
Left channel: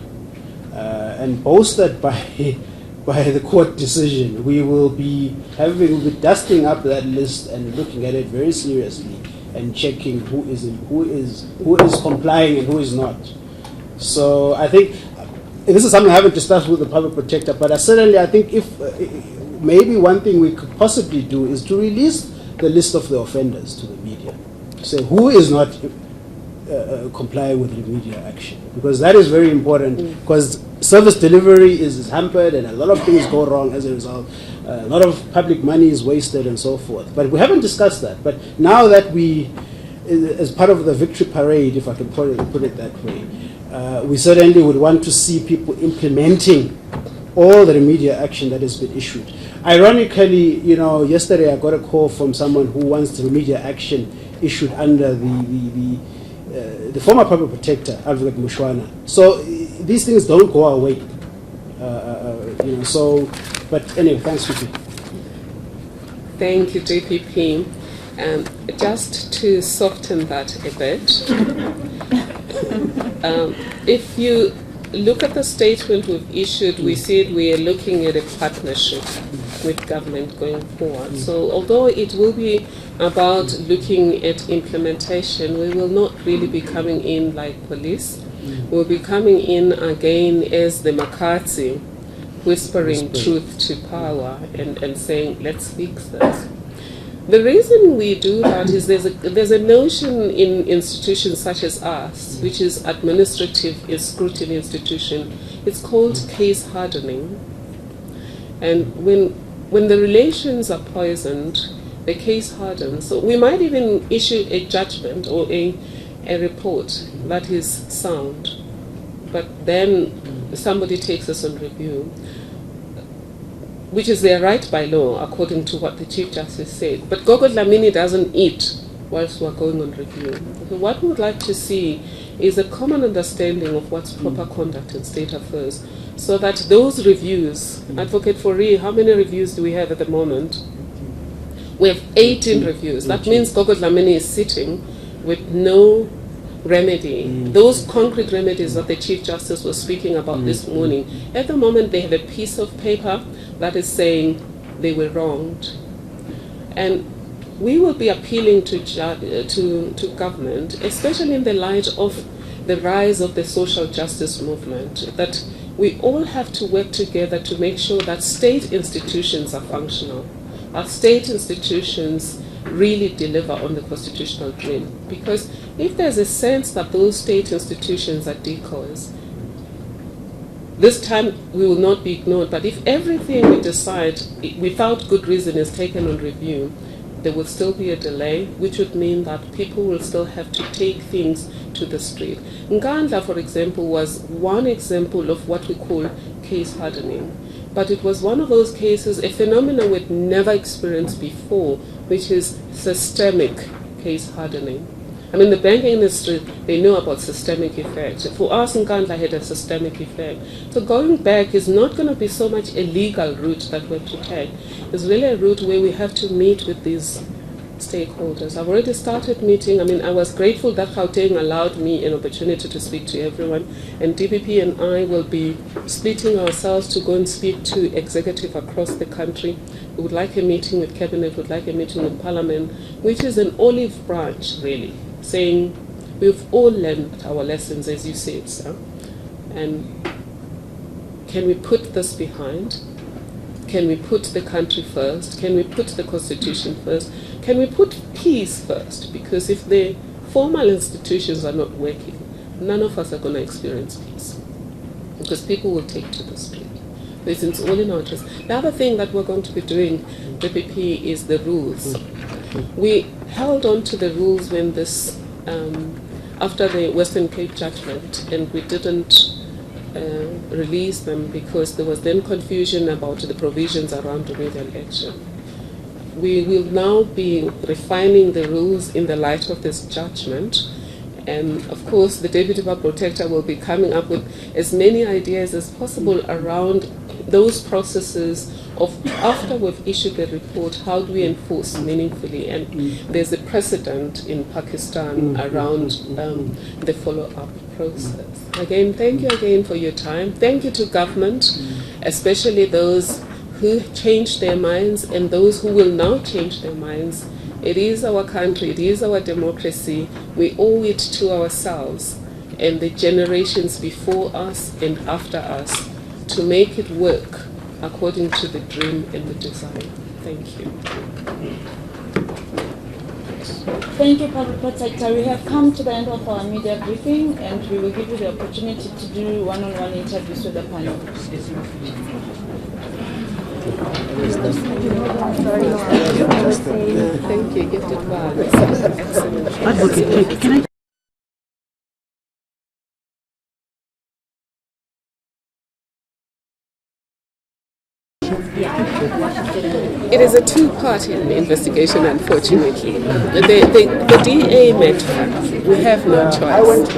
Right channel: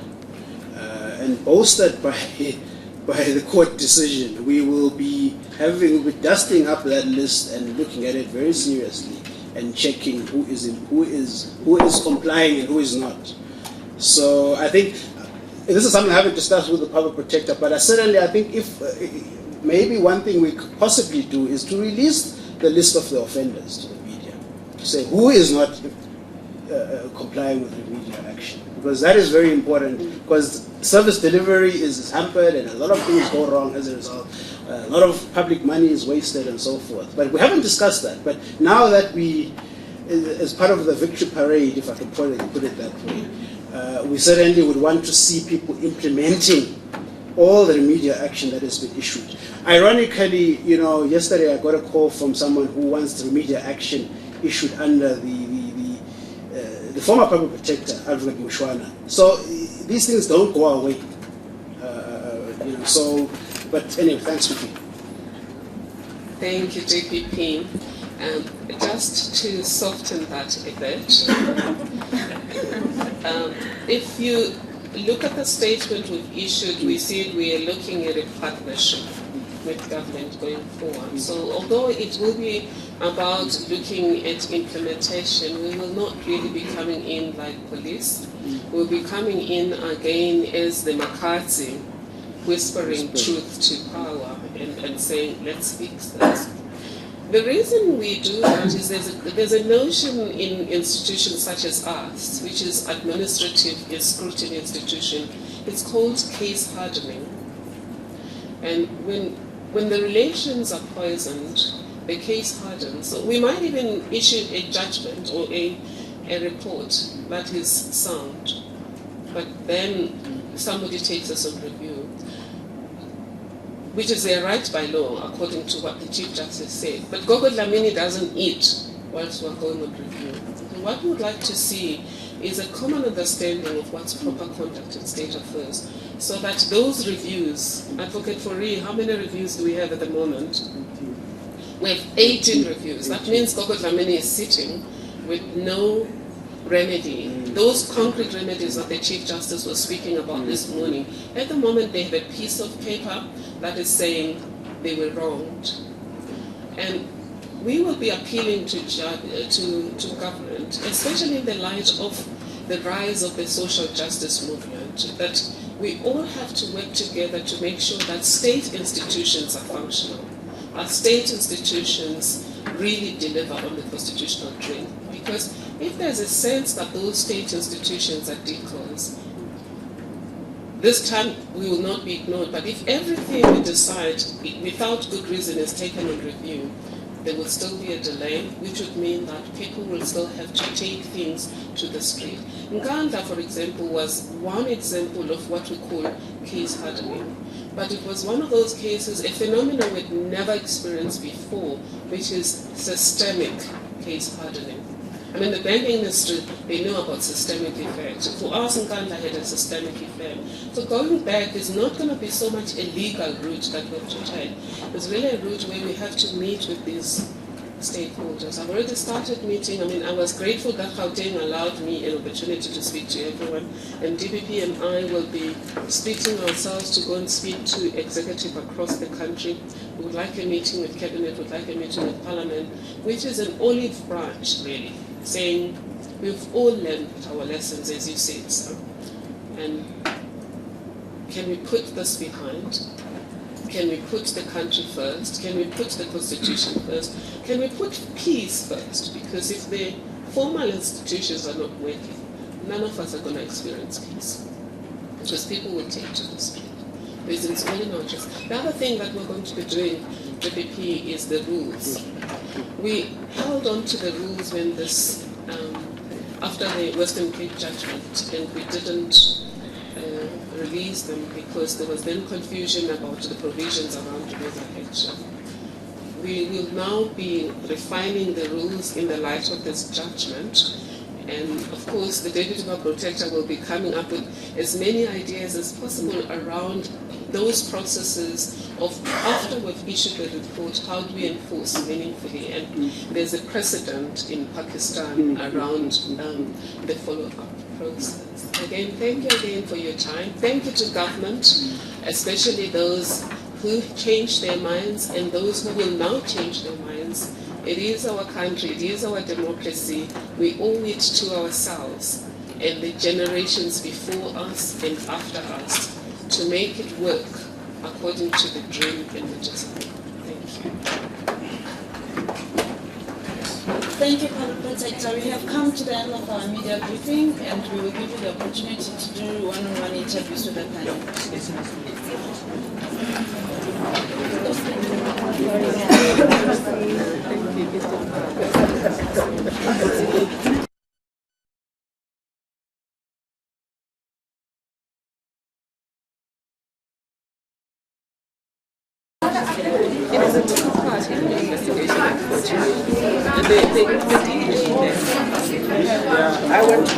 And bolstered by the court decision, we will be dusting up that list and looking at it very seriously and checking who is complying and who is not. So I think this is something I haven't discussed with the Public Protector, but I think if maybe one thing we could possibly do is to release the list of the offenders to the media, to say who is not complying with remedial action, because that is very important, because service delivery is hampered and a lot of things go wrong as a result. A lot of public money is wasted and so forth. But we haven't discussed that. But now that we, as part of the victory parade, if I can put it that way, we certainly would want to see people implementing all the remedial action that has been issued. Ironically, yesterday I got a call from someone who wants the remedial action issued under the former Public Protector, Advocate Mushwana. So these things don't go away. But anyway, thanks, Sufi. Thank you, JPP. Just to soften that a bit, if you look at the statement we've issued, we said we are looking at a partnership with government going forward. So although it will be about looking at implementation, we will not really be coming in like police. We'll be coming in again as the McCarthy, whispering truth to power and saying, let's fix this. The reason we do that is there's a notion in institutions such as us, which is administrative scrutiny institution. It's called case hardening. And when the relations are poisoned, the case hardens. So we might even issue a judgment or a report that is sound, but then somebody takes us on review, which is their right by law, according to what the Chief Justice said. But Gogo Dlamini doesn't eat whilst we're going on review. So what we would like to see is a common understanding of what's proper conduct in state affairs, so that those reviews, Advocate Fourie, how many reviews do we have at the moment? We have 18 reviews. That means Gogo Dlamini is sitting with no remedy. Those concrete remedies that the Chief Justice was speaking about this morning, at the moment they have a piece of paper that is saying they were wronged. And we will be appealing to government, especially in the light of the rise of the social justice movement, that we all have to work together to make sure that state institutions are functional. Our state institutions really deliver on the constitutional dream. Because if there's a sense that those state institutions are decoys, this time we will not be ignored. But if everything we decide without good reason is taken on review, there will still be a delay, which would mean that people will still have to take things to the street. Nkandla, for example, was one example of what we call case hardening. But it was one of those cases, a phenomenon we'd never experienced before, which is systemic case hardening. I mean, the banking industry, they know about systemic effects. For us, Nkandla had a systemic effect. So going back is not going to be so much a legal route that we have to take. It's really a route where we have to meet with these stakeholders. I've already started meeting. I mean, I was grateful that Gauteng allowed me an opportunity to speak to everyone. And DPP and I will be splitting ourselves to go and speak to executive across the country. We would like a meeting with cabinet, we would like a meeting with parliament, which is an olive branch, really, saying we've all learned our lessons, as you said, sir. And can we put this behind? Can we put the country first? Can we put the constitution first? Can we put peace first? Because if the formal institutions are not working, none of us are going to experience peace. Because people will take to the street. It's only not just. The other thing that we're going to be doing, DPP, is the rules. We held on to the rules when this, after the Western Cape judgment, and we didn't release them because there was then confusion about the provisions around the election. We will now be refining the rules in the light of this judgment, and of course the Deputy Protector will be coming up with as many ideas as possible around those processes of after we've issued the report, how do we enforce meaningfully? And there's a precedent in Pakistan around the follow-up process. Again, thank you again for your time. Thank you to government, especially those who changed their minds and those who will now change their minds. It is our country, it is our democracy. We owe it to ourselves and the generations before us and after us to make it work according to the dream and the design. Thank you. Thank you, Public Protector. We have come to the end of our media briefing, and we will give you the opportunity to do one-on-one interviews with the panel. Thank you. Gift of It is a two-party investigation, unfortunately. The DA met us. We have no choice.